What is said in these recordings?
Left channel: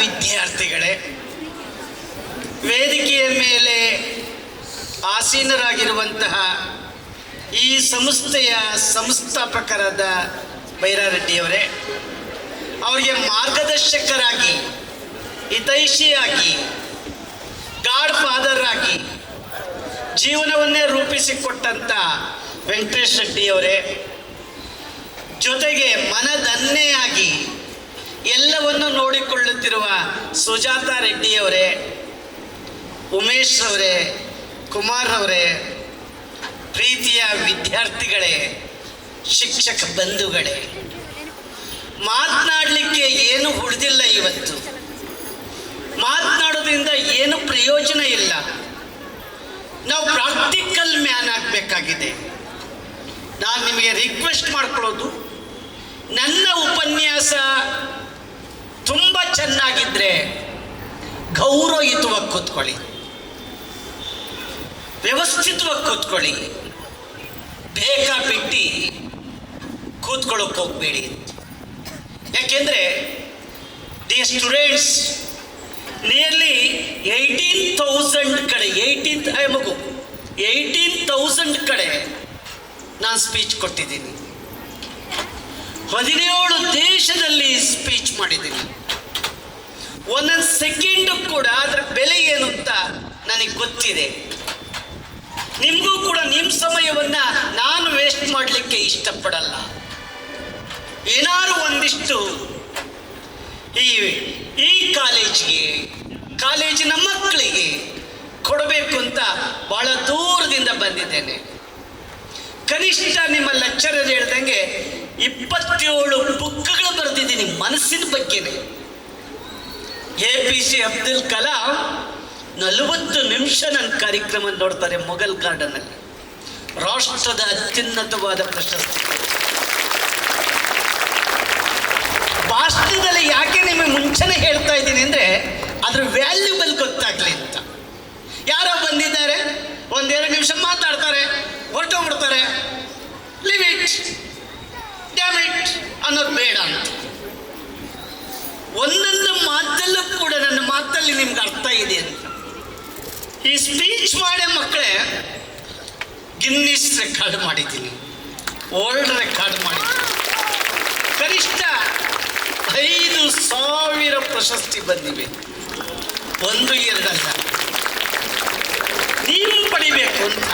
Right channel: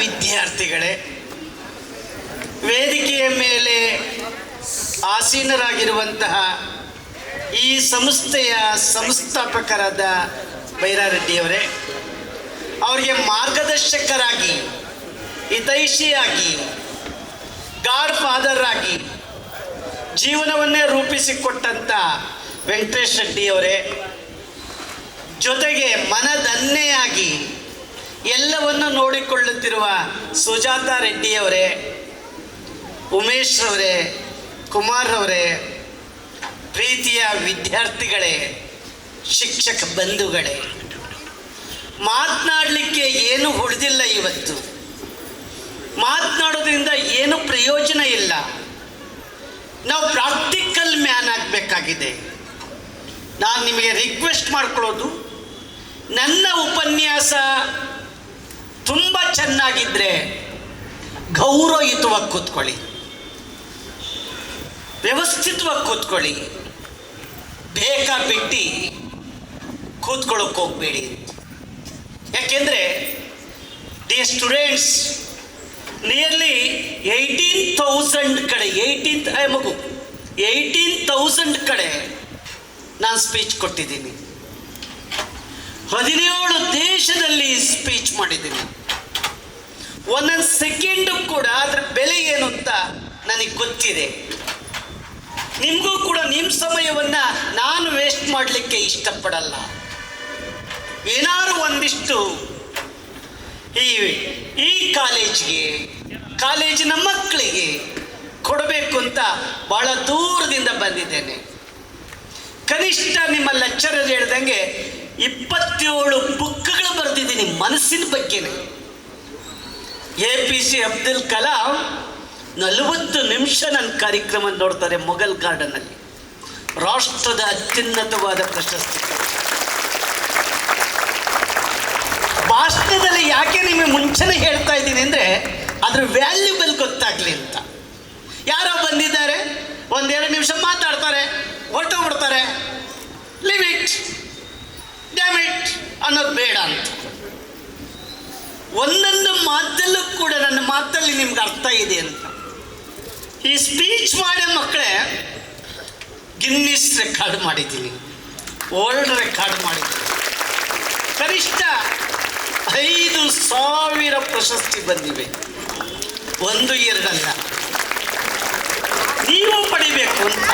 ವಿದ್ಯಾರ್ಥಿಗಳೇ, ವೇದಿಕೆಯ ಮೇಲೆ ಆಸೀನರಾಗಿರುವಂತಹ ಈ ಸಂಸ್ಥೆಯ ಸಂಸ್ಥಾಪಕರಾದ ಬೈರಾರೆಡ್ಡಿಯವರೇ, ಅವರಿಗೆ ಮಾರ್ಗದರ್ಶಕರಾಗಿ, ಹಿತೈಷಿಯಾಗಿ, ಗಾಡ್ ಫಾದರ್ ಆಗಿ ಜೀವನವನ್ನೇ ರೂಪಿಸಿಕೊಟ್ಟಂಥ ವೆಂಕಟೇಶ್ ರೆಡ್ಡಿಯವರೇ, ಜೊತೆಗೆ ಮನದನ್ನೆಯಾಗಿ ಎಲ್ಲವನ್ನು ನೋಡಿಕೊಳ್ಳುತ್ತಿರುವ ಸುಜಾತ ರೆಡ್ಡಿಯವರೇ, ಉಮೇಶ್ ಅವರೇ, ಕುಮಾರ್ ಅವರೇ, ಪ್ರೀತಿಯ ವಿದ್ಯಾರ್ಥಿಗಳೇ, ಶಿಕ್ಷಕ ಬಂಧುಗಳೇ, ಮಾತನಾಡಲಿಕ್ಕೆ ಏನು ಉಳಿದಿಲ್ಲ. ಇವತ್ತು ಮಾತನಾಡೋದ್ರಿಂದ ಏನು ಪ್ರಯೋಜನ ಇಲ್ಲ. ನಾವು ಪ್ರಾಕ್ಟಿಕಲ್ ಮ್ಯಾನ್ ಆಗಬೇಕಾಗಿದೆ. ನಾನು ನಿಮಗೆ ರಿಕ್ವೆಸ್ಟ್ ಮಾಡ್ಕೊಳ್ಳೋದು, ನನ್ನ ಉಪನ್ಯಾಸ ತುಂಬ ಚೆನ್ನಾಗಿದ್ದರೆ ಗೌರವಯುತವಾಗಿ ಕೂತ್ಕೊಳ್ಳಿ, ವ್ಯವಸ್ಥಿತವಾಗಿ ಕೂತ್ಕೊಳ್ಳಿ, ಬೇಕಾಬಿಟ್ಟು ಕೂತ್ಕೊಳ್ಳೋಕೆ ಹೋಗಬೇಡಿ. ಯಾಕೆಂದರೆ ದಿ ಸ್ಟೂಡೆಂಟ್ಸ್ ನಿಯರ್ಲಿ 18,000 ಕಡೆ 18,000 ಕಡೆ ನಾನು ಸ್ಪೀಚ್ ಕೊಟ್ಟಿದ್ದೀನಿ. 17 ದೇಶದಲ್ಲಿ ಸ್ಪೀಚ್ ಮಾಡಿದ್ದೀನಿ. ಒಂದೊಂದು ಸೆಕೆಂಡು ಕೂಡ ಅದರ ಬೆಲೆ ಏನು ಅಂತ ನನಗೆ ಗೊತ್ತಿದೆ. ನಿಮಗೂ ಕೂಡ ನಿಮ್ಮ ಸಮಯವನ್ನು ನಾನು ವೇಸ್ಟ್ ಮಾಡಲಿಕ್ಕೆ ಇಷ್ಟಪಡಲ್ಲ. ಏನಾದ್ರು ಒಂದಿಷ್ಟು ಈ ಕಾಲೇಜಿನ ಮಕ್ಕಳಿಗೆ ಕೊಡಬೇಕು ಅಂತ ಭಾಳ ದೂರದಿಂದ ಬಂದಿದ್ದೇನೆ. ಕನಿಷ್ಠ ನಿಮ್ಮ ಲೆಕ್ಚರರ್ ಹೇಳ್ದಂಗೆ 27 ಬುಕ್ಗಳು ಬರೆದಿದ್ದೀನಿ ಮನಸ್ಸಿನ ಬಗ್ಗೆನೇ. APJ ಅಬ್ದುಲ್ ಕಲಾಂ 40 ನಿಮಿಷ ನನ್ನ ಕಾರ್ಯಕ್ರಮ ನೋಡ್ತಾರೆ ಮೊಘಲ್ ಗಾರ್ಡನಲ್ಲಿ. ರಾಷ್ಟ್ರದ ಅತ್ಯುನ್ನತವಾದ ಪ್ರಶಸ್ತಿ. ಭಾಷಣದಲ್ಲಿ ಯಾಕೆ ನಿಮಗೆ ಮುಂಚೆನೇ ಹೇಳ್ತಾ ಇದ್ದೀನಿ ಅಂದರೆ ಅದ್ರ ವ್ಯಾಲ್ಯೂಬಲ್ ಗೊತ್ತಾಗಲಿ ಅಂತ. ಯಾರೋ ಬಂದಿದ್ದಾರೆ, 1-2 ನಿಮಿಷ ಮಾತಾಡ್ತಾರೆ, ಹೊರಟೋಗ್ಬಿಡ್ತಾರೆ. ಲಿವ್ ಇಟ್, ಡ್ಯಾಮ್ ಇಟ್ ಅನ್ನೋದು ಬೇಡ ಅಂತ. ಒಂದೊಂದು ಮಾತಲ್ಲೂ ಕೂಡ ನನ್ನ ಮಾತಲ್ಲಿ ನಿಮ್ಗೆ ಅರ್ಥ ಇದೆ ಅಂತ. ಈ ಸ್ಪೀಚ್ ಮಾಡೋ ಮಕ್ಕಳೇ ಗಿನ್ನಿಸ್ ರೆಕಾರ್ಡ್ ಮಾಡಿದ್ದೀನಿ, ವರ್ಲ್ಡ್ ರೆಕಾರ್ಡ್ ಮಾಡಿದ್ದೀನಿ. ಕನಿಷ್ಠ 5,000 ಪ್ರಶಸ್ತಿ ಬಂದಿವೆ, 1-2 ಅಲ್ಲ. ನೀವು ಪಡಿಬೇಕು ಅಂತ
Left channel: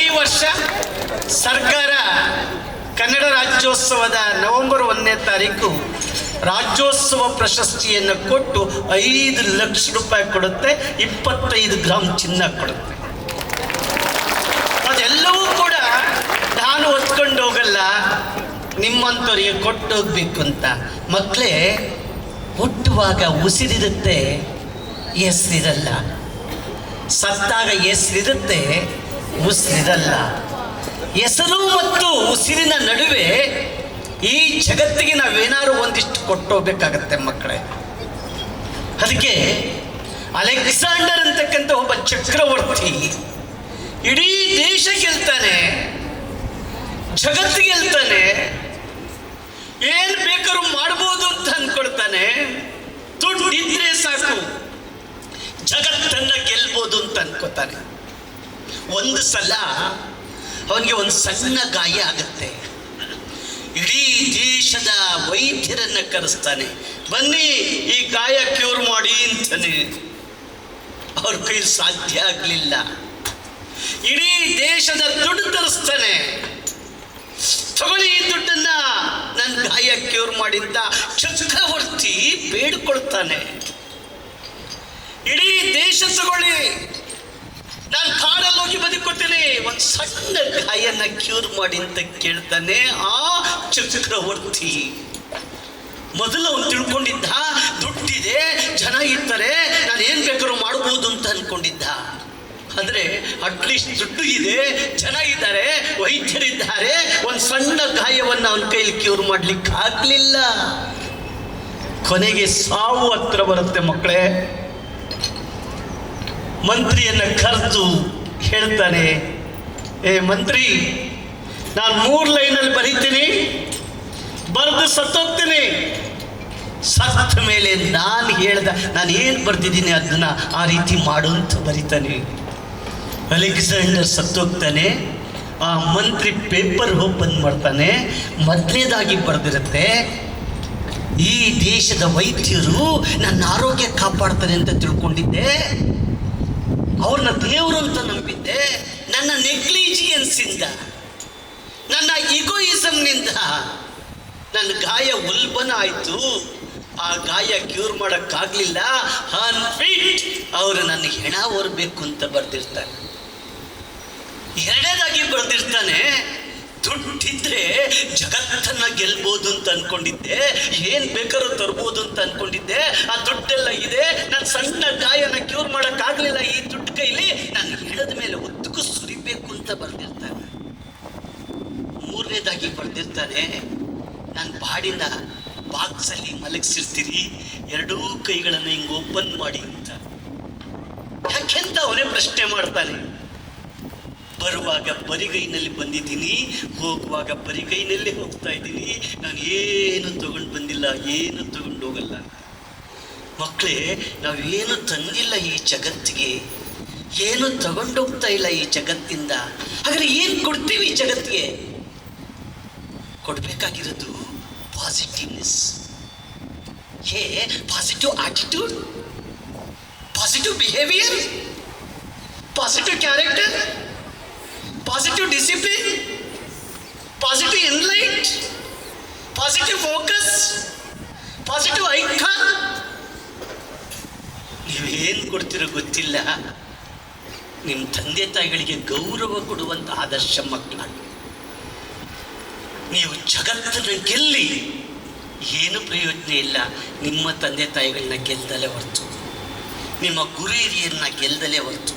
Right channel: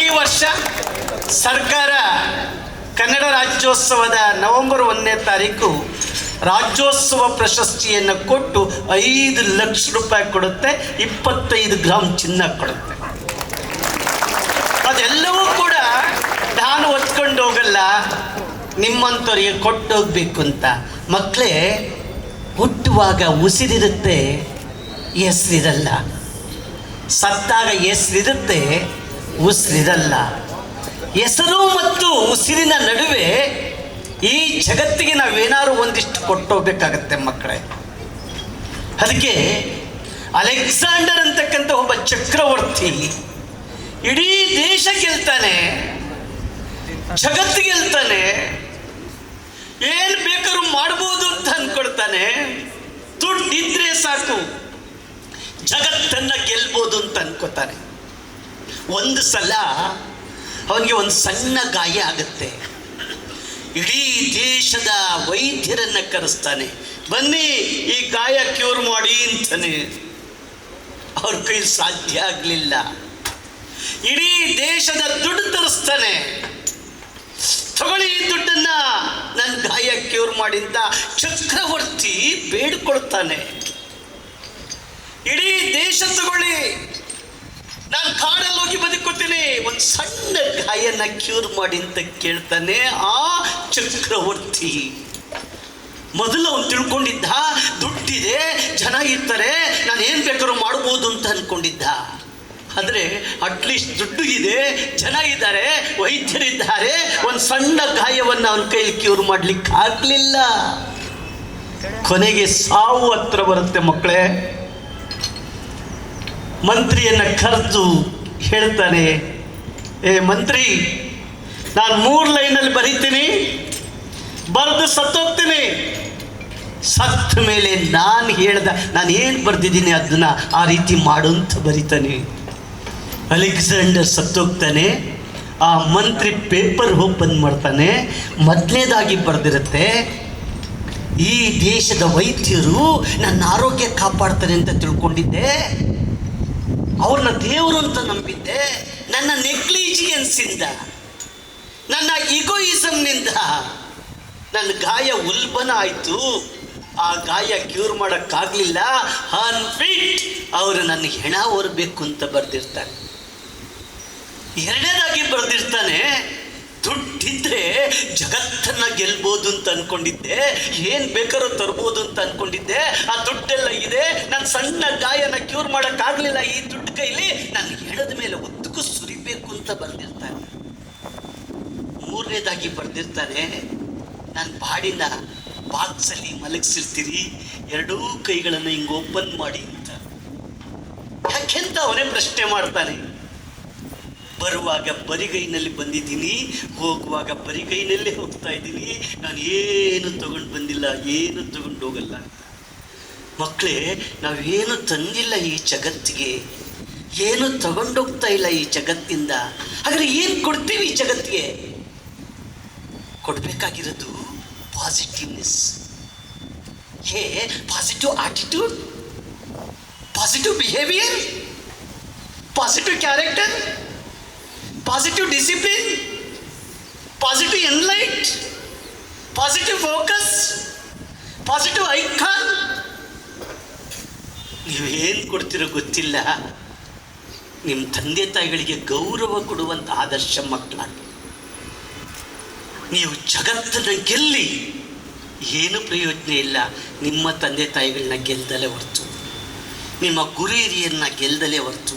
ಈ ವರ್ಷ ಸರ್ಕಾರ ಕನ್ನಡ ರಾಜ್ಯೋತ್ಸವದ ನವೆಂಬರ್ 1ನೇ ತಾರೀಕು ರಾಜ್ಯೋತ್ಸವ ಪ್ರಶಸ್ತಿಯನ್ನು ಕೊಟ್ಟು 5 ಲಕ್ಷ ರೂಪಾಯಿ ಕೊಡುತ್ತೆ, 25 ಗ್ರಾಮ್ ಚಿನ್ನ ಕೊಡುತ್ತೆ. ಅದೆಲ್ಲವೂ ಕೂಡ ನಾನು ಹೊತ್ಕೊಂಡು ಹೋಗಲ್ಲ, ನಿಮ್ಮಂಥವ್ರಿಗೆ ಕೊಟ್ಟೋಗ್ಬೇಕು ಅಂತ. ಮಕ್ಕಳೇ, ಹುಟ್ಟುವಾಗ ಉಸಿರಿರುತ್ತೆ, ಹೆಸರಿರಲ್ಲ. ಸತ್ತಾಗ ಹೆಸರಿರುತ್ತೆ, ಉಸಿರಿರಲ್ಲ. ಹೆಸರು ಮತ್ತು ಉಸಿರಿನ ನಡುವೆ ಈ ಜಗತ್ತಿಗೆ ನಾವೇನಾದ್ರು ಒಂದಿಷ್ಟು ಕೊಟ್ಟೋಗ್ಬೇಕಾಗತ್ತೆ ಮಕ್ಕಳೇ. ಅದಕ್ಕೆ ಅಲೆಕ್ಸಾಂಡರ್ ಅಂತಕ್ಕಂಥ ಒಬ್ಬ ಚಕ್ರವರ್ತಿ ಇಡೀ ದೇಶ ಗೆಲ್ತಾನೆ, ಜಗತ್ತು ಗೆಲ್ತಾನೆ, ಏನು ಬೇಕಾದ್ರೂ ಮಾಡ್ಬೋದು ಅಂತ ಅಂದ್ಕೊಳ್ತಾನೆ. ದುಡ್ಡಿದ್ರೆ ಸಾಕು ಜಗತ್ತನ್ನು ಗೆಲ್ಬೋದು ಅಂತ ಅನ್ಕೋತಾನೆ. ಒಂದು ಸಲ ಅವನಿಗೆ ಒಂದು ಸಣ್ಣ ಗಾಯ ಆಗುತ್ತೆ. ಇಡೀ ದೇಶದ ವೈದ್ಯರನ್ನು ಕರೆಸ್ತಾನೆ, ಬನ್ನಿ ಈ ಗಾಯ ಕ್ಯೂರ್ ಮಾಡಿ ಅಂತಾನೆ. ಅವ್ರ ಕೈಲಿ ಸಾಧ್ಯ ಆಗಲಿಲ್ಲ. ಇಡೀ ದೇಶದ ದುಡ್ಡು ತರಿಸ್ತಾನೆ, ತಗೊಳ್ಳಿ ಈ ದುಡ್ಡನ್ನ ನನ್ನ ಗಾಯ ಕ್ಯೂರ್ ಮಾಡಿ ಅಂತ ಚಕ್ರವರ್ತಿ ಬೇಡಿಕೊಳ್ತಾನೆ. ಇಡೀ ದೇಶ ತಗೊಳ್ಳಿ, ನಾನು ಕಾಡಲ್ಲಿ ಹೋಗಿ ಬದುಕೋತೀನಿ, ಒಂದು ಸಣ್ಣ ಗಾಯನ ಕ್ಯೂರ್ ಮಾಡಿ ಅಂತ ಕೇಳ್ತಾನೆ ಆ ಚಕ್ರವರ್ತಿ. ಮೊದಲು ಅವನು ತಿಳ್ಕೊಂಡಿದ್ದ ದುಡ್ಡಿದೆ, ಜನ ಇರ್ತಾರೆ, ನಾನು ಏನು ಬೇಕಾದ್ರೂ ಮಾಡ್ಬೋದು ಅಂತ ಅಂದ್ಕೊಂಡಿದ್ದ. ಆದರೆ ಅಟ್ಲೀಸ್ಟ್ ದುಡ್ಡು ಇದೆ, ಜನ ಇದ್ದಾರೆ, ವೈದ್ಯರಿದ್ದಾರೆ, ಒಂದು ಸಣ್ಣ ಗಾಯವನ್ನು ಅವನ ಕೈಲಿ ಕ್ಯೂರ್ ಮಾಡಲಿಕ್ಕೆ ಆಗಲಿಲ್ಲ. ಕೊನೆಗೆ ಸಾವು ಹತ್ರ ಬರುತ್ತೆ ಮಕ್ಕಳೇ. ಮಂತ್ರಿಯನ್ನು ಕರೆದು ಹೇಳ್ತಾನೆ, ಏ ಮಂತ್ರಿ, ನಾನು 3 ಲೈನಲ್ಲಿ ಬರೀತೀನಿ, ಬರೆದು ಸತ್ತೋಗ್ತೀನಿ, ಸತ್ತ ಮೇಲೆ ನಾನು ಏನು ಬರೆದಿದ್ದೀನಿ ಅದನ್ನ ಆ ರೀತಿ ಮಾಡು ಅಂತ ಬರೀತಾನೆ. ಅಲೆಕ್ಸಾಂಡರ್ ಸತ್ತೋಗ್ತಾನೆ. ಆ ಮಂತ್ರಿ ಪೇಪರ್ ಓಪನ್ ಮಾಡ್ತಾನೆ. ಮೊದಲನೇದಾಗಿ ಬರೆದಿರುತ್ತೆ, ಈ ದೇಶದ ವೈದ್ಯರು ನನ್ನ ಆರೋಗ್ಯ ಕಾಪಾಡ್ತಾರೆ ಅಂತ ತಿಳ್ಕೊಂಡಿದ್ದೆ, ಅವ್ರನ್ನ ದೇವರು ಅಂತ ನಂಬಿದ್ದೆ. ನನ್ನ ನೆಗ್ಲಿಜಿಯನ್ಸಿಂದ, ನನ್ನ ಈಗೋಯಿಸಮ್ನಿಂದ ನನ್ನ ಗಾಯ ಉಲ್ಬಣ ಆಯಿತು. ಆ ಗಾಯ ಕ್ಯೂರ್ ಮಾಡೋಕ್ಕಾಗಲಿಲ್ಲ. ಅನ್ಫಿಟ್, ಅವರು ನನ್ನ ಹೆಣ ಹೊರಬೇಕು ಅಂತ ಬರೆದಿರ್ತಾನೆ. ಎರಡನೇದಾಗಿ ಬರೆದಿರ್ತಾನೆ, ದುಡ್ಡಿದ್ರೆ ಜಗತ್ತನ್ನ ಗೆಲ್ಬೋದು ಅಂತ ಅನ್ಕೊಂಡಿದ್ದೆ, ಏನು ಬೇಕಾದ್ರೂ ತರ್ಬೋದು ಅಂತ ಅನ್ಕೊಂಡಿದ್ದೆ. ಆ ದುಡ್ಡೆಲ್ಲ ಇದೆ, ನಾನು ಸಣ್ಣ ಗಾಯನ ಕ್ಯೂರ್ ಮಾಡೋಕ್ಕಾಗಲಿಲ್ಲ, ಈ ದುಡ್ಡು ಕೈಲಿ ನಾನು ಹೆಣದ ಮೇಲೆ ಉದ್ದಕ್ಕೂ ಸುರಿಬೇಕು ಅಂತ ಬರೆದಿರ್ತಾನೆ. ಮೂರನೇದಾಗಿ ಬರೆದಿರ್ತಾನೆ, ನನ್ನ ಬಾಡಿನ ಬಾಕ್ಸಲ್ಲಿ ಮಲಗಿಸಿರ್ತೀರಿ, ಎರಡೂ ಕೈಗಳನ್ನು ಹಿಂಗೆ ಓಪನ್ ಮಾಡಿ ಅಂತ. ಯಾಕೆಂತ ಅವನೇ ಪ್ರಶ್ನೆ ಮಾಡ್ತಾನೆ. ಬರುವಾಗ ಬರಿಗೈನಲ್ಲಿ ಬಂದಿದ್ದೀನಿ, ಹೋಗುವಾಗ ಬರಿಗೈನಲ್ಲೇ ಹೋಗ್ತಾ ಇದ್ದೀನಿ, ನಾನು ಏನು ತಗೊಂಡು ಬಂದಿಲ್ಲ, ಏನು ತಗೊಂಡು ಹೋಗಲ್ಲ. ಮಕ್ಕಳೇ, ನಾವೇನು ತಂದಿಲ್ಲ ಈ ಜಗತ್ತಿಗೆ, ಏನು ತಗೊಂಡೋಗ್ತಾ ಇಲ್ಲ ಈ ಜಗತ್ತಿಂದ. ಆದರೆ ಏನು ಕೊಡ್ತೀವಿ ಈ ಜಗತ್ತಿಗೆ? ಕೊಡಬೇಕಾಗಿರೋದು positiveness, positive attitude, positive behaviour, positive character, positive discipline, positive enlight, positive focus, positive icon. ನೀವೇನು ಕೊಡ್ತಿರೋ ಗೊತ್ತಿಲ್ಲ. ನಿಮ್ಮ ತಂದೆ ತಾಯಿಗಳಿಗೆ ಗೌರವ ಕೊಡುವಂಥ ಆದರ್ಶ ಮಕ್ಕಳಾಗಿ ನೀವು ಜಗತ್ತನ್ನು ಗೆಲ್ಲಿ, ಏನು ಪ್ರಯೋಜನ ಇಲ್ಲ ನಿಮ್ಮ ತಂದೆ ತಾಯಿಗಳನ್ನ ಗೆಲ್ದಲೇ ಹೊರತು, ನಿಮ್ಮ ಗುರು ಹಿರಿಯರನ್ನ ಗೆಲ್ದಲೇ ಹೊರತು.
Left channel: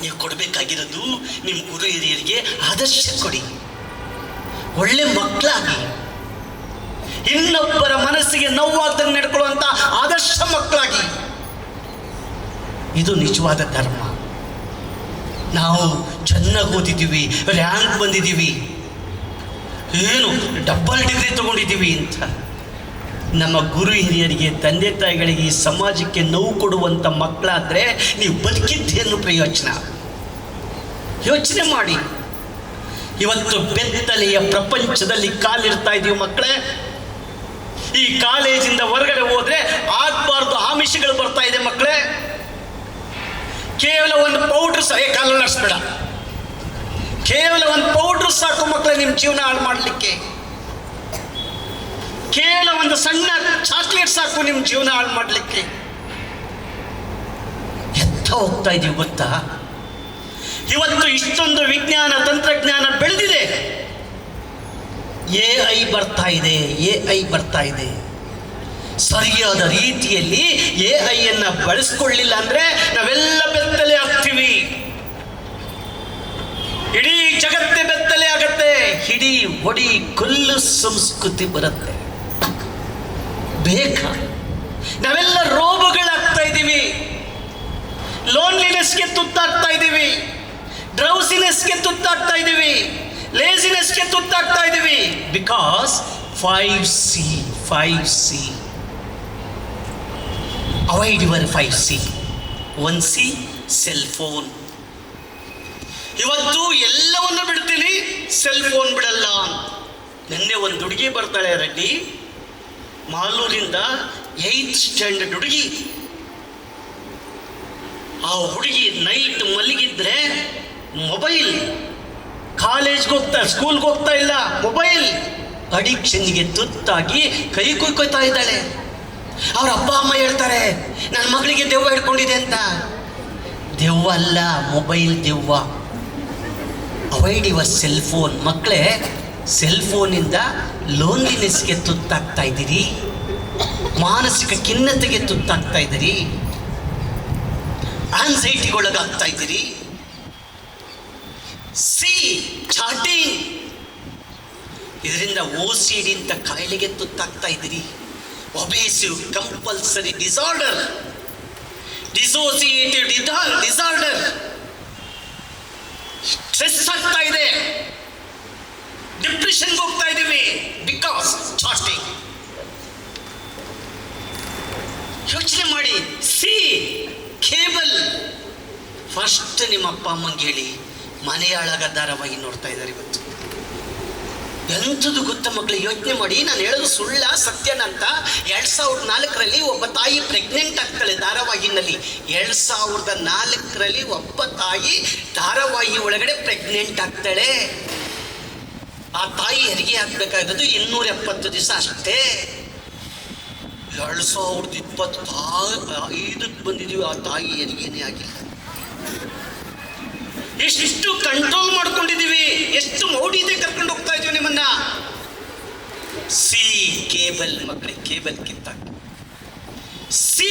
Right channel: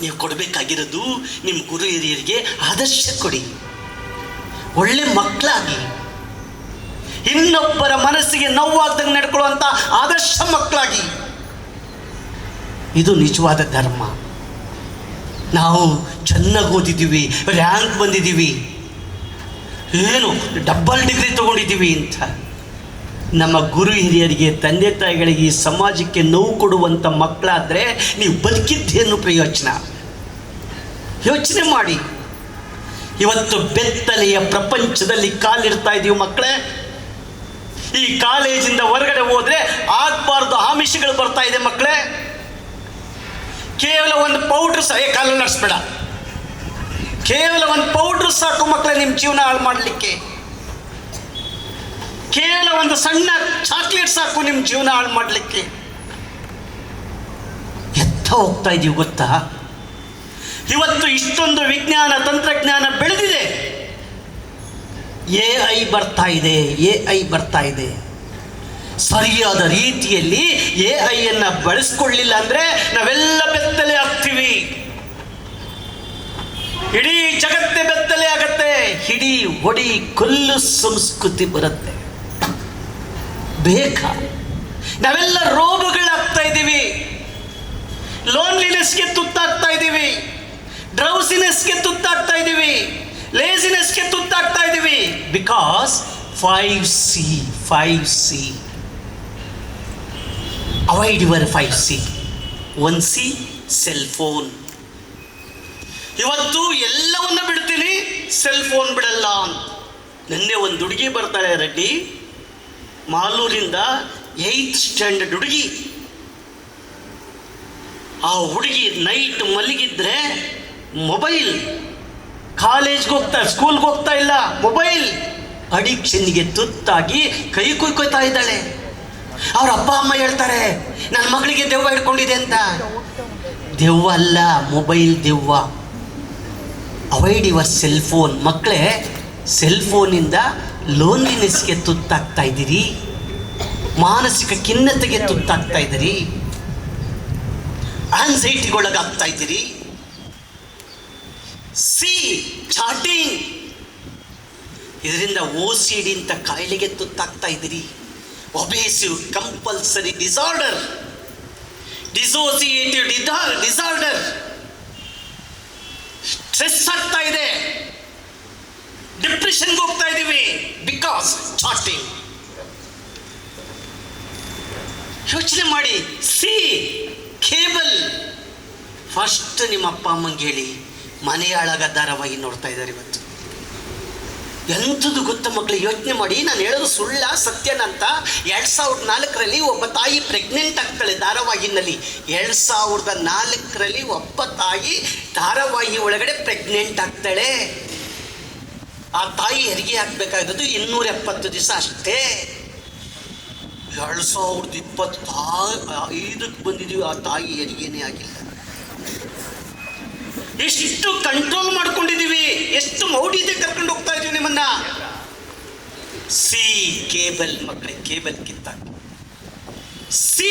ನೀವು ಕೊಡಬೇಕಾಗಿರೋದು ನಿಮ್ಮ ಗುರು ಹಿರಿಯರಿಗೆ ಆದರ್ಶ ಕೊಡಿ, ಒಳ್ಳೆ ಮಕ್ಕಳಾಗಿ, ಇನ್ನೊಬ್ಬರ ಮನಸ್ಸಿಗೆ ನೋವಾಗ್ದಂಗೆ ನಡ್ಕೊಳ್ಳುವಂಥ ಆದರ್ಶ ಮಕ್ಕಳಾಗಿ. ಇದು ನಿಜವಾದ ಧರ್ಮ. ನಾವು ಚೆನ್ನಾಗಿ ಓದಿದ್ದೀವಿ, ರ್ಯಾಂಕ್ ಬಂದಿದ್ದೀವಿ, ಏನು ಡಬಲ್ ಡಿಗ್ರಿ ತಗೊಂಡಿದ್ದೀವಿ ಅಂತ ನಮ್ಮ ಗುರು ಹಿರಿಯರಿಗೆ, ತಂದೆ ತಾಯಿಗಳಿಗೆ, ಈ ಸಮಾಜಕ್ಕೆ ನೋವು ಕೊಡುವಂಥ ಮಕ್ಕಳಾದರೆ ನೀವು ಬದುಕಿದ್ದೇನು ಪ್ರಯೋಜನ? ಯೋಚನೆ ಮಾಡಿ. ಇವತ್ತು ಬೆತ್ತಲೆಯ ಪ್ರಪಂಚದಲ್ಲಿ ಕಾಲಿಡ್ತಾ ಇದ್ದೀವಿ ಮಕ್ಕಳೇ. ಈ ಕಾಲೇಜಿಂದ ಹೊರಗಡೆ ಹೋದರೆ ಆಗಬಾರ್ದು ಆಮಿಷಗಳು ಬರ್ತಾ ಇದೆ ಮಕ್ಕಳೇ. ಕೇವಲ ಒಂದು ಪೌಡ್ರ್ ಕಾಲಲ್ಲಿ ನಡೆಸ್ಬೇಡ, ಕೇವಲ ಒಂದು ಪೌಡ್ರ್ ಸಾಕು ಮಕ್ಕಳೇ ನಿಮ್ಮ ಜೀವನ ಹಾಳು ಮಾಡಲಿಕ್ಕೆ. ಕೇವಲ ಒಂದು ಸಣ್ಣ ಚಾಕ್ಲೇಟ್ ಸಾಕು ನಿಮ್ಮ ಜೀವನ ಹಾಳು ಮಾಡಲಿಕ್ಕೆ. ಎತ್ತ ಹೋಗ್ತಾ ಇದೀವಿ ಗೊತ್ತಾ? ಇವತ್ತು ಇಷ್ಟೊಂದು ವಿಜ್ಞಾನ ತಂತ್ರಜ್ಞಾನ ಬೆಳೆದಿದೆ, AI ಬರ್ತಾ ಇದೆ, AI ಬರ್ತಾ ಇದೆ. ಸರಿಯಾದ ರೀತಿಯಲ್ಲಿ AI ಬಳಸ್ಕೊಳ್ಳಿಲ್ಲ ಅಂದ್ರೆ ನಾವೆಲ್ಲ ಬೆತ್ತಲೆ ಆಗ್ತೀವಿ. ಇಡೀ ಜಗತ್ತೇ ಬೆತ್ತಲೆ ಆಗತ್ತೆ. ಇಡೀ ಹೊಡಿ ಕೊಲ್ಲು ಸಂಸ್ಕೃತಿ ಬರುತ್ತೆ. ಬೇಕಾ? ನಾವೆಲ್ಲ ರೋಗಗಳಾಗ್ತಾ ಇದ್ದೀವಿ, ಲೋನ್ಲಿನೆಸ್ಗೆ ತುತ್ತಾಗ್ತಾ ಇದ್ದೀವಿ, ಡ್ರೌಸಿನೆಸ್ಗೆ ತುತ್ತಾಗ್ತಾ ಇದ್ದೀವಿ, ಲೇಸಿನೆಸ್ಗೆ ತುತ್ತಾಗ್ತಾ ಇದ್ದೀವಿ. Because 5C. Avoid your 5C. 1C cell phone. ಇವತ್ತು ಎಲ್ಲವನ್ನ ಬಿಡ್ತೀನಿ, ಸೆಲ್ ಫೋನ್ ಬಿಡಲ್ಲ. ನಿನ್ನೆ ಒಂದು ಹುಡುಗಿ ಬರ್ತಾಳೆ ರೆಡ್ಡಿ, ಮಾಲೂರಿಂದ 8th ಸ್ಟ್ಯಾಂಡರ್ಡ್ ಹುಡುಗಿ. ಆ ಹುಡುಗಿ ನೈಟ್ ಮಲಗಿದ್ರೆ ಮೊಬೈಲ್, ಕಾಲೇಜ್ಗೆ ಹೋಗ್ತಾ, ಸ್ಕೂಲ್ಗೆ ಹೋಗ್ತಾ ಇಲ್ಲ, ಮೊಬೈಲ್ ಅಡಿಕ್ಷನ್ಗೆ ತುತ್ತಾಗಿ ಕೈ ಕುಯ್ಕೋತಾ ಇದ್ದಾಳೆ. ಅವ್ರ ಅಪ್ಪ ಅಮ್ಮ ಹೇಳ್ತಾರೆ ನನ್ನ ಮಗಳಿಗೆ ದೆವ್ವ ಹಿಡ್ಕೊಂಡಿದೆ ಅಂತ. ದೆವ್ವ ಅಲ್ಲ, ಮೊಬೈಲ್ ದೆವ್ವ. Avoid your cell phone. ಮಕ್ಕಳೇ, ಸೆಲ್ ಫೋನಿಂದ ಲೋನ್ಲಿನೆಸ್ಗೆ ತುತ್ತಾಗ್ತಾ ಇದ್ದೀರಿ, ಮಾನಸಿಕ ಖಿನ್ನತೆಗೆ ತುತ್ತಾಗ್ತಾ ಇದ್ದೀರಿ, ಆನ್ಸೈಟಿಗೊಳಗಾಗ್ತಾ ಇದ್ದೀರಿ. ಸಿ ಚಾಟಿಂಗ್, ಇದರಿಂದ OCD ಅಂತ ಕಾಯಿಲೆಗೆ ತುತ್ತಾಗ್ತಾ ಇದ್ದೀರಿ. Obsessive compulsive disorder, dissociative disorder, stress ಆಗ್ತಾ ಇದೆ, ಡಿಪ್ರೆಷನ್ಗೆ ಹೋಗ್ತಾ ಇದ್ದೀವಿ. Because chatting. ಯೋಚನೆ ಮಾಡಿ. C cable. ಫಸ್ಟ್ ನಿಮ್ಮ ಅಪ್ಪ ಅಮ್ಮಂಗೆ ಹೇಳಿ, ಮನೆಯಾಳಾಗ ಧಾರಾವಾಹಿ ನೋಡ್ತಾ ಇದ್ದಾರೆ ಇವತ್ತು. ಎಂಥದ್ದು ಗೊತ್ತ ಮಕ್ಕಳು, ಯೋಚನೆ ಮಾಡಿ. ನಾನು ಹೇಳೋದು ಸುಳ್ಳ ಸತ್ಯನಂತ. 2004ರಲ್ಲಿ ಒಬ್ಬ ತಾಯಿ ಪ್ರೆಗ್ನೆಂಟ್ ಆಗ್ತಾಳೆ ಧಾರಾವಾಹಿನಲ್ಲಿ. 2004ರಲ್ಲಿ ಒಬ್ಬ ತಾಯಿ ಧಾರಾವಾಹಿ ಒಳಗಡೆ ಪ್ರೆಗ್ನೆಂಟ್ ಆಗ್ತಾಳೆ. ಆ ತಾಯಿ ಹೆರಿಗೆ ಹಾಕ್ಬೇಕಾಗಿರೋದು 270 ದಿವಸ ಅಷ್ಟೇ. 2025ಕ್ಕೆ ಬಂದಿದ್ದೀವಿ, ಆ ತಾಯಿ ಹೆರಿಗೆನೇ ಆಗಿಲ್ಲ. ಎಷ್ಟು ಕಂಟ್ರೋಲ್ ಮಾಡ್ಕೊಂಡಿದ್ದೀವಿ, ಎಷ್ಟು ಮೌಢ್ಯತೆ ಕರ್ಕೊಂಡು ಹೋಗ್ತಾ ಇದೀವಿ ನಿಮ್ಮನ್ನ. ಸಿ ಕೇಬಲ್ ಮಕ್ಕಳಿಗೆ, ಕೇಬಲ್ ಕಿತ್ತ. ಸಿ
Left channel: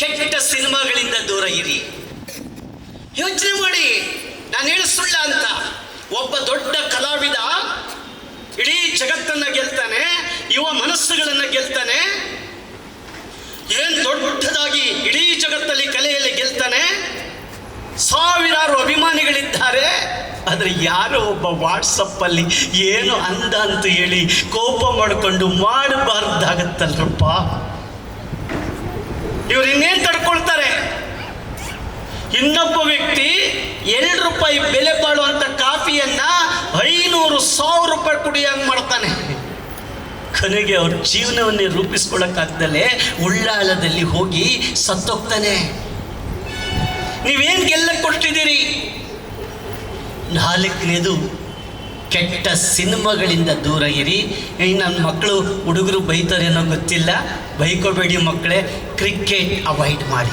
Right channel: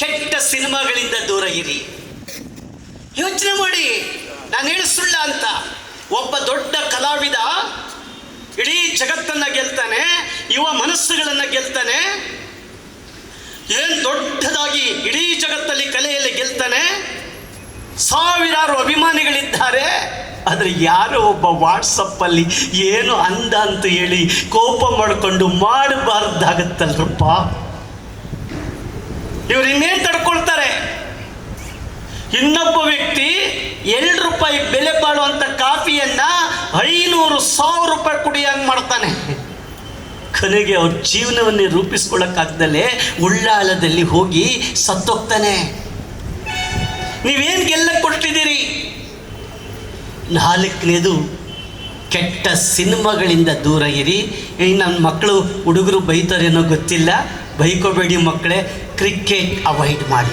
ಕೆಟ್ಟ ಸಿನಿಮಾಗಳಿಂದ ದೂರ ಇರಿ. ಯೋಚನೆ ಮಾಡಿ, ನಾನು ಹೇಳ ಸುಳ್ಳ ಅಂತ. ಒಬ್ಬ ದೊಡ್ಡ ಕಲಾವಿದ ಇಡೀ ಜಗತ್ತನ್ನ ಗೆಲ್ತಾನೆ, ಯುವ ಮನಸ್ಸುಗಳನ್ನ ಗೆಲ್ತಾನೆ, ಏನ್ ದೊಡ್ಡದಾಗಿ ಇಡೀ ಜಗತ್ತಲ್ಲಿ ಕಲೆಯಲ್ಲಿ ಗೆಲ್ತಾನೆ, ಸಾವಿರಾರು ಅಭಿಮಾನಿಗಳಿದ್ದಾರೆ. ಆದರೆ ಯಾರೋ ಒಬ್ಬ ವಾಟ್ಸಪ್ಪಲ್ಲಿ ಏನು ಅಂದ ಅಂತ ಹೇಳಿ ಕೋಪ ಮಾಡಿಕೊಂಡು ಮಾಡಬಾರ್ದಾಗತ್ತಲ್ರಪ್ಪ. ಇವ್ರು ಇನ್ನೇನು ತಡ್ಕೊಳ್ತಾರೆ? ಇನ್ನೊಬ್ಬ ವ್ಯಕ್ತಿ 2 ರೂಪಾಯಿ ಬೆಲೆ ಬಾಳುವಂಥ ಕಾಫಿಯನ್ನ 500,000 ರೂಪಾಯಿ ಕುಡಿಯಂಗೆ ಮಾಡ್ತಾನೆ. ಕೊನೆಗೆ ಅವ್ರ ಜೀವನವನ್ನೇ ರೂಪಿಸ್ಕೊಳ್ಳೋಕ್ಕಾಗ್ದಲೇ ಉಳ್ಳಾಳದಲ್ಲಿ ಹೋಗಿ ಸತ್ತೋಗ್ತಾನೆ. ನೀವೇನು ಗೆಲ್ಲ ಕೊಟ್ಟಿದ್ದೀರಿ? 4ನೇದು ಕೆಟ್ಟ ಸಿನಿಮಾಗಳಿಂದ ದೂರ ಇರಿ. ಈಗ ನನ್ನ ಮಕ್ಕಳು ಹುಡುಗರು ಬೈತಾರೇನೋ ಗೊತ್ತಿಲ್ಲ, ಬೈಕೋಬೇಡಿ ಮಕ್ಕಳೇ. ಕ್ರಿಕೆಟ್ ಅವಾಯ್ಡ್ ಮಾಡಿ.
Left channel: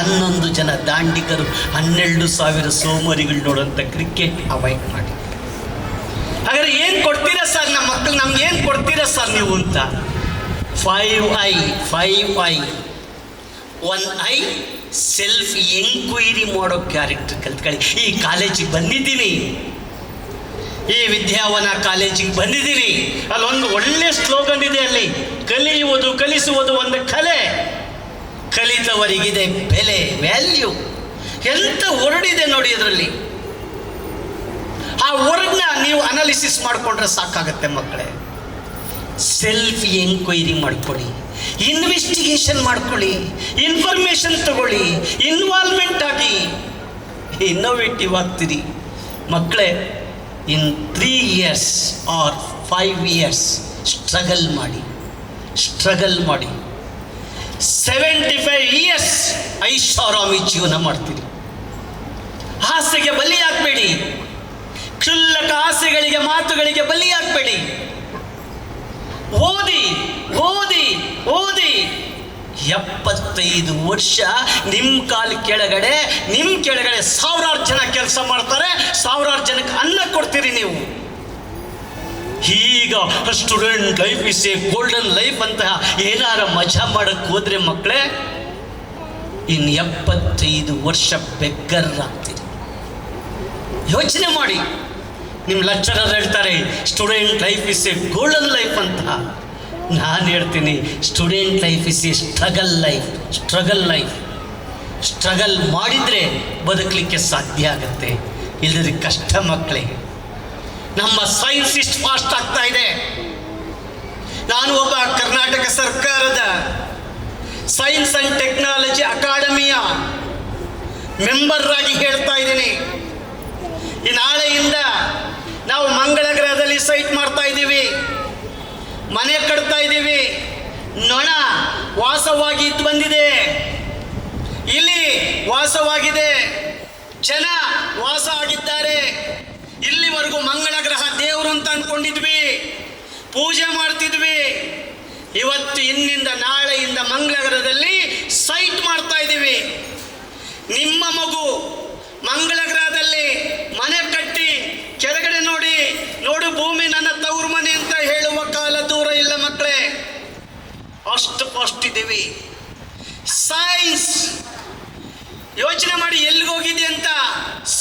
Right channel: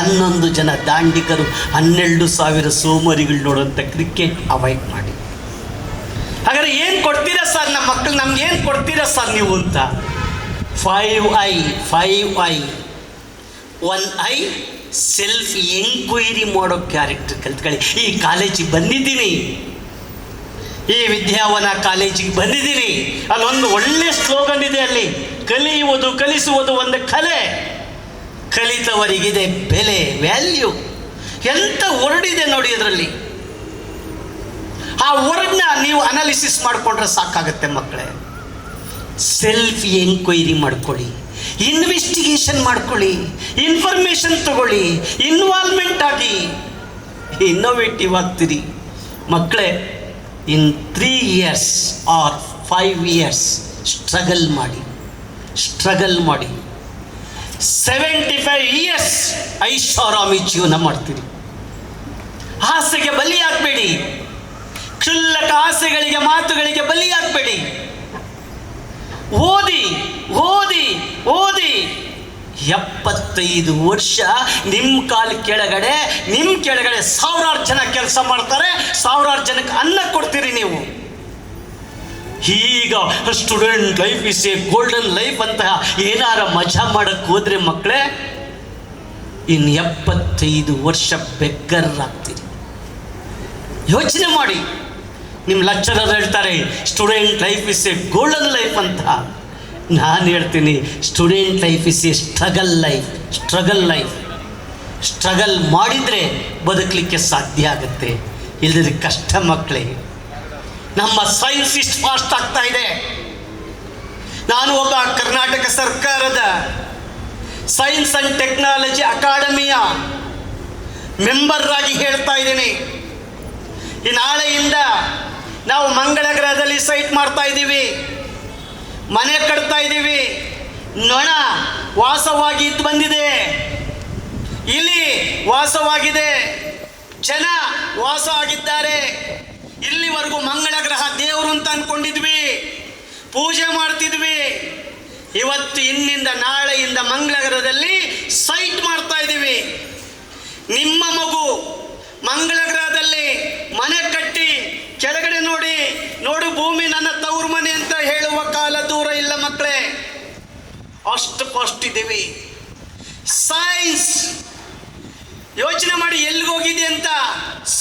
11 ಜನ ದಾಂಡಿಗರು, 12,000 ಸೋಮಾರಿಗಳು ನೋಡುವಂಥ ಕ್ರಿಕೆಟ್ ಅವಾಯ್ಡ್ ಮಾಡಿ. ಹಾಗಾದ್ರೆ ಏನು ಕೊಡ್ತೀರಾ ಸರ್ ನಮ್ಮ ಮಕ್ಕಳು, ನಮ್ಗೆ ಏನು ಕೊಡ್ತೀರಾ ಸರ್ ನೀವು ಅಂತ? 5 ಐ. 1 ಐ ಸೆಲ್ಫ್ ಎಂಕ್ವೈರಿ ಮಾಡೋ ಕ್ಯಾರೆಕ್ಟರ್ ಕಲ್ತ್ಕೊಳ್ಳಿ. ಈ ಕಾಲೇಜಿಗೆ ಬಂದಿದ್ದೀನಿ, ಈ ವಿದ್ಯಾವನ ಕಾಲೇಜಿಗೆ ಬಂದಿದ್ದೀನಿ, ಅಲ್ಲೊಂದು ಒಳ್ಳೆ ಸ್ಲೋಗನ್ ಇದೆ. ಅಲ್ಲಿ ಕಲಿಯುವುದು ಕಲಿಸುವುದು ಒಂದು ಕಲೆ, ಕಲಿತವರಿಗಿದೆ ಬೆಲೆ, ವ್ಯಾಲ್ಯೂ. ಎಂತ ವರ್ಡಿದೆ ನೋಡಿ ಅದರಲ್ಲಿ. ಆ ವರ್ಡ್ನ ನೀವು ಅನಾಲಿಸಿಸ್ ಮಾಡಿಕೊಂಡ್ರೆ ಸಾಕಾಗುತ್ತೆ ಮಕ್ಕಳೇ. ಸೆಲ್ಫ್ ಎಂಕ್ವೈರಿ ಮಾಡ್ಕೊಳ್ಳಿ, ಇನ್ವೆಸ್ಟಿಗೇಷನ್ ಮಾಡ್ಕೊಳ್ಳಿ, ಇನ್ಫಾರ್ಮೇಶನ್ ತಗೊಳ್ಳಿ, ಇನ್ವಾಲ್ವ್ಮೆಂಟ್ ಆಗಿ ಇನ್ನೋವೇಟಿವ್ ಆಗ್ತೀರಿ ಮಕ್ಕಳೇ. ಇನ್ 3 years or 5 years ಸ್ಟ್ರಗಲ್ ಮಾಡಿ. 75 years ಐಷಾರಾಮಿ ಜೀವನ ಮಾಡ್ತೀರಿ. ಆಸೆಗೆ ಬಲಿಯಾಗಬೇಡಿ, ಕ್ಷುಲ್ಲಕ ಆಸೆಗಳಿಗೆ ಮಾತುಗಳಿಗೆ ಬಲಿಯಾಗಬೇಡಿ. ಓದಿ 75 ವರ್ಷ ನಿಮ್ಮ ಕೆಳಗಡೆ 1000 ಜನ ಕೆಲಸ ಮಾಡ್ತಾರೆ, 1000 ಜನಕ್ಕೆ ಅನ್ನ ಕೊಡ್ತೀರಿ ನೀವು. ಈಗ student life is A golden life ಅಂತ ಏನಾರ ಮಜಾ ಮಾಡಕ್ಕೆ ಹೋದ್ರೆ ಮಕ್ಕಳೇ, ಇನ್ನು 75 ವರ್ಷ ಬೆಗ್ಗರ್ರಾಗ್ತೀರಿ. ಯೋಚನೆ ಮಾಡಿ. ನಿಮ್ಮ ಲೆಕ್ಚರರ್ ಹೇಳ್ತಾರೆ student life is A golden life ಅಂತ. ನಾನು ಹೇಳ್ತೀನಿ student life is A struggle life. Struggle ಮಾಡಿದರೆ ಬದುಕಲಿಕ್ಕೆ ಸಾಧ್ಯ ಆಗುತ್ತೆ, ಇಲ್ಲದ್ರೆ ಕಷ್ಟ ಮಕ್ಕಳೇ. ನಮ್ಮ ಸೈನ್ಸ್ ಇಷ್ಟು ಫಾಸ್ಟ್ ಆಗ್ತಾ ಇದೆ. ನಾನು ಒಬ್ಬ ಕರ್ನಾಟಕ ಸರ್ಕಾರದ ಸೈನ್ಸ್ ಆ್ಯಂಡ್ ಟೆಕ್ನಾಲಜಿ ಅಕಾಡೆಮಿಯ ಮೆಂಬರ್ ಆಗಿ ಹೇಳ್ತಾ ಇದ್ದೀನಿ. ಈ ನಾಳೆಯಿಂದ ನಾವು ಮಂಗಳ ಗ್ರಹದಲ್ಲಿ ಸೈಟ್ ಮಾಡ್ತಾ ಇದ್ದೀವಿ, ಮನೆ ಕಟ್ತಾ ಇದ್ದೀವಿ. ನೊಣ ವಾಸವಾಗಿ ಇದ್ದು ಬಂದಿದೆ, ಇಲ್ಲಿ ವಾಸವಾಗಿದೆ, ಜನ ವಾಸ ಆಗಿದ್ದಾರೆ. ಇಲ್ಲಿವರೆಗೂ ಮಂಗಳ ಗ್ರಹ ದೇವರು ಅಂತ ಅಂದ್ಕೊಂಡಿದ್ವಿ, ಪೂಜೆ ಮಾಡ್ತಿದ್ವಿ. ಇವತ್ತು ಇನ್ನಿಂದ ನಾಳೆಯಿಂದ ಮಂಗಳ ಗ್ರಹದಲ್ಲಿ ಸೈಟ್ ಮಾಡ್ತಾ ಇದ್ದೀವಿ. ನಿಮ್ಮ ಮಗು ಮಂಗಳ ಗ್ರಹದಲ್ಲಿ ಮನೆ ಕಟ್ಟಿ ಕೆಳಗಡೆ ನೋಡು ಭೂಮಿ ನನ್ನ ತವರು ಮನೆ ಅಂತ ಹೇಳುವ ಕಾಲ ದೂರ ಇಲ್ಲ ಮಕ್ಕಳೇ. ಅಷ್ಟು ಫಾಸ್ಟ್ ಇದ್ದೀವಿ. ಸೈನ್ಸ್ ಯೋಚನೆ ಮಾಡಿ ಎಲ್ಲಿಗೆ ಹೋಗಿದೆ ಅಂತ.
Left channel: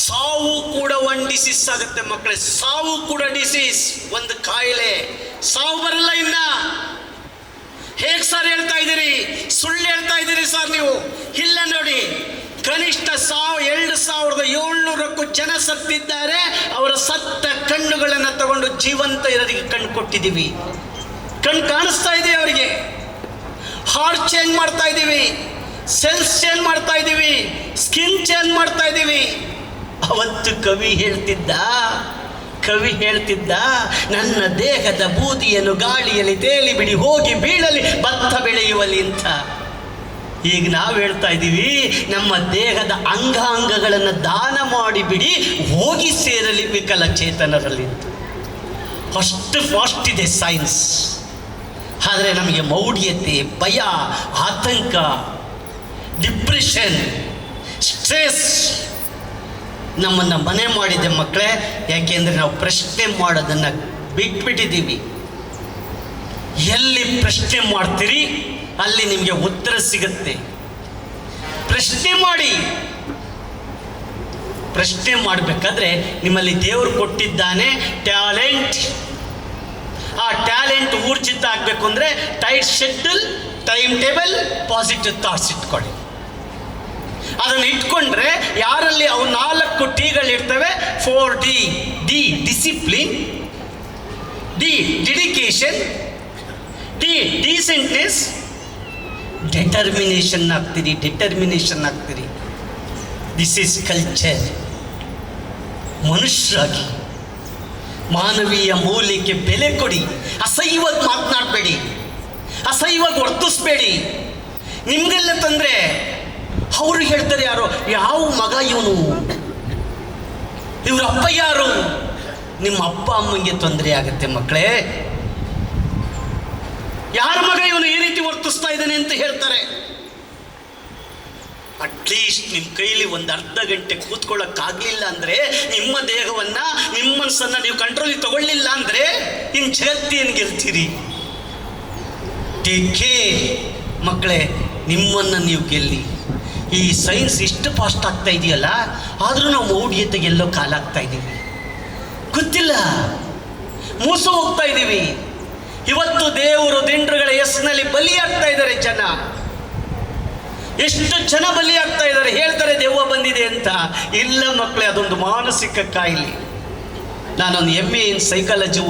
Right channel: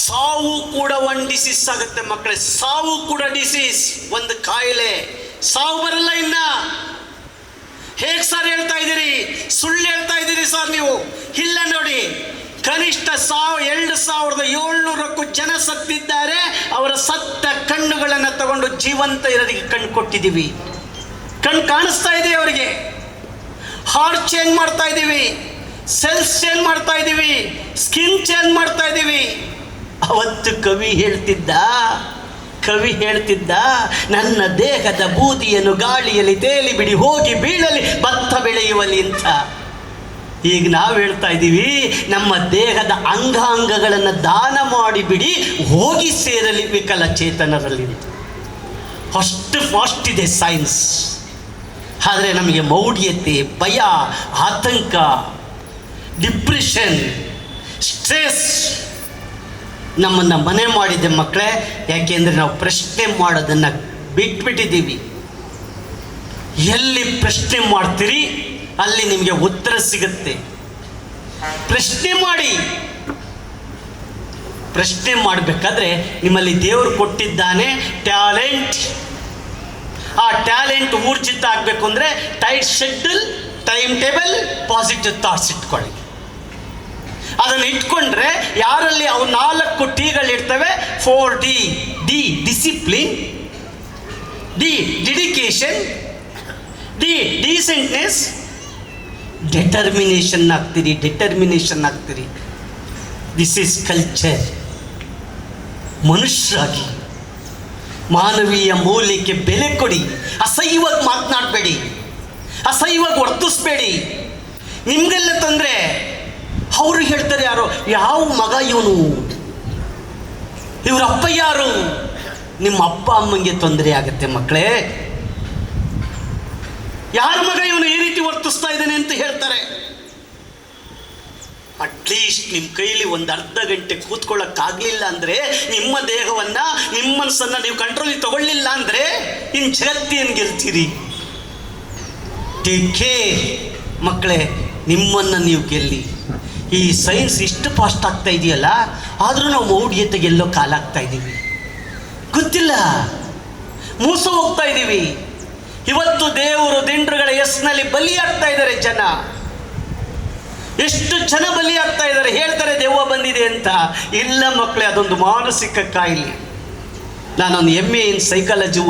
ಸಾವು ಕೂಡ ಒಂದು ಡಿಸೀಸ್ ಆಗುತ್ತೆ ಮಕ್ಕಳೇ. ಸಾವು ಕೂಡ ಡಿಸೀಸ್, ಒಂದು ಕಾಯಿಲೆ. ಸಾವು ಬರಲ್ಲ ಇನ್ನ. ಹೇಗೆ ಸರ್ ಹೇಳ್ತಾ ಇದ್ದೀರಿ? ಸುಳ್ಳು ಹೇಳ್ತಾ ಇದ್ದೀರಿ ಸರ್ ನೀವು. ಇಲ್ಲ ನೋಡಿ, ಕನಿಷ್ಠ 2700ಕ್ಕೂ ಜನ ಸತ್ತಿದ್ದಾರೆ. ಅವರ ಸತ್ತ ಕಣ್ಣುಗಳನ್ನು ತಗೊಂಡು ಜೀವಂತ ಇರೋರಿಗೆ ಕಣ್ಣು ಕೊಟ್ಟಿದ್ದೀವಿ. ಕಣ್ಣು ಕಾಣಿಸ್ತಾ ಇದೆ ಅವರಿಗೆ. ಹಾರ್ಟ್ ಚೇಂಜ್ ಮಾಡ್ತಾ ಇದ್ದೀವಿ, ಸೆಲ್ಸ್ ಚೇಂಜ್ ಮಾಡ್ತಾ ಇದ್ದೀವಿ, ಸ್ಕಿನ್ ಚೇಂಜ್ ಮಾಡ್ತಾ ಇದ್ದೀವಿ. ಅವತ್ತು ಕವಿ ಹೇಳ್ತಿದ್ದ ನನ್ನ ದೇಹದ ಬೂದಿಯನ್ನು ಗಾಳಿಯಲ್ಲಿ ತೇಲಿ ಬಿಡಿ, ಹೋಗಿ ಬೀಳಲಿ ಭತ್ತ ಬೆಳೆಯುವಲ್ಲಿ ಅಂತ. ಈಗ ನಾವು ಹೇಳ್ತಾ ಇದ್ದೀವಿ, ನಮ್ಮ ದೇಹದ ಅಂಗಾಂಗಗಳನ್ನು ದಾನ ಮಾಡಿಬಿಡಿ, ಹೋಗಿ ಸೇರಲಿ ವಿಕಲಚೇತನರಲ್ಲಿ. ಅಷ್ಟು ಫಾಸ್ಟ್ ಇದೆ ಸೈನ್ಸ್. ಆದರೆ ನಮಗೆ ಮೌಢ್ಯತೆ, ಭಯ, ಆತಂಕ, ಡಿಪ್ರೆಷನ್, ಸ್ಟ್ರೆಸ್ ನಮ್ಮನ್ನು ಮನೆ ಮಾಡಿದೆ ಮಕ್ಕಳೇ. ಯಾಕೆಂದರೆ ನಾವು ಪ್ರಶ್ನೆ ಮಾಡೋದನ್ನು ಬಿಟ್ಬಿಟ್ಟಿದ್ದೀವಿ. ಎಲ್ಲಿ ಪ್ರಶ್ನೆ ಮಾಡ್ತೀರಿ ಅಲ್ಲಿ ನಿಮಗೆ ಉತ್ತರ ಸಿಗುತ್ತೆ. ಪ್ರಶ್ನೆ ಮಾಡಿ. ಪ್ರಶ್ನೆ ಮಾಡಬೇಕಾದ್ರೆ ನಿಮ್ಮಲ್ಲಿ ದೇವರು ಕೊಟ್ಟಿದ್ದಾನೆ ಟ್ಯಾಲೆಂಟ್. ಆ ಟ್ಯಾಲೆಂಟ್ ಊರ್ಜಿತ ಆಗಬೇಕು ಅಂದರೆ tight schedule, time table, positive thoughts ಇಟ್ಕೊಳ್ಳಿ. ಅದನ್ನು ಇಟ್ಕೊಂಡ್ರೆ ಯಾರಲ್ಲಿ ಅವು 4 ಟಿಗಳಿರ್ತವೆ. 4D. D discipline, D dedication, D decentness, determination ಆಗ್ತೀರಿ. This is culture. ಮನುಷ್ಯರಾಗಿ ಮಾನವೀಯ ಮೌಲ್ಯಕ್ಕೆ ಬೆಲೆ ಕೊಡಿ. ಅಸಹ್ಯವಾಗಿ ಮಾತನಾಡಬೇಡಿ, ಅಸಹ್ಯವಾಗಿ ವರ್ತಿಸ್ಬೇಡಿ. ನಿಮಗೆಲ್ಲ ತೊಂದರೆ. ಅವರು ಹೇಳ್ತಾರೆ, ಯಾರೋ ಯಾವ ಮಗ ಇವನು, ಇವ್ರ ಅಪ್ಪ ಯಾರು. ನಿಮ್ಮ ಅಪ್ಪ ಅಮ್ಮಂಗೆ ತೊಂದರೆ ಆಗುತ್ತೆ ಮಕ್ಕಳೇ. ಯಾರ ಮಗ ಇವನು ಈ ರೀತಿ ವರ್ತಿಸ್ತಾ ಇದ್ದಾನೆ ಅಂತ ಹೇಳ್ತಾರೆ. ಅಟ್ಲೀಸ್ಟ್ ನಿಮ್ಮ ಕೈಲಿ ಒಂದು ಅರ್ಧ ಗಂಟೆ ಕೂತ್ಕೊಳ್ಳೋಕ್ಕಾಗಲಿಲ್ಲ ಅಂದರೆ, ನಿಮ್ಮ ದೇಹವನ್ನು, ನಿಮ್ಮ ಮನಸ್ಸನ್ನು ನೀವು ಕಂಟ್ರೋಲಿಗೆ ತಗೊಳ್ಳಿಲ್ಲ ಅಂದರೆ ಇನ್ನು ಜಗತ್ತೇನು ಗೆಲ್ತೀರಿ? ಟೇಕ್ ಕೇರ್ ಮಕ್ಕಳೇ, ನಿಮ್ಮನ್ನು ನೀವು ಗೆಲ್ಲಿ. ಈ ಸೈನ್ಸ್ ಇಷ್ಟು ಫಾಸ್ಟ್ ಆಗ್ತಾ ಇದೆಯಲ್ಲ, ಆದರೂ ನಾವು ಮೌಢ್ಯತೆಗೆ ಎಲ್ಲೋ ಕಾಲಾಗ್ತಾ ಇದ್ದೀವಿ. ಗೊತ್ತಿಲ್ಲ, ಮೋಸ ಹೋಗ್ತಾ ಇದ್ದೀವಿ. ಇವತ್ತು ದೇವರು ದಿಂಡ್ರುಗಳ ಹೆಸರಿನಲ್ಲಿ ಬಲಿಯಾಗ್ತಾ ಇದ್ದಾರೆ ಜನ. ಎಷ್ಟು ಜನ ಬಲಿಯಾಗ್ತಾ ಇದ್ದಾರೆ. ಹೇಳ್ತಾರೆ ದೆವ್ವ ಬಂದಿದೆ ಅಂತ. ಇಲ್ಲ ಮಕ್ಕಳೇ, ಅದೊಂದು ಮಾನಸಿಕ ಕಾಯಿಲೆ. ನಾನೊಂದು MA ಇನ್ ಸೈಕಾಲಜಿ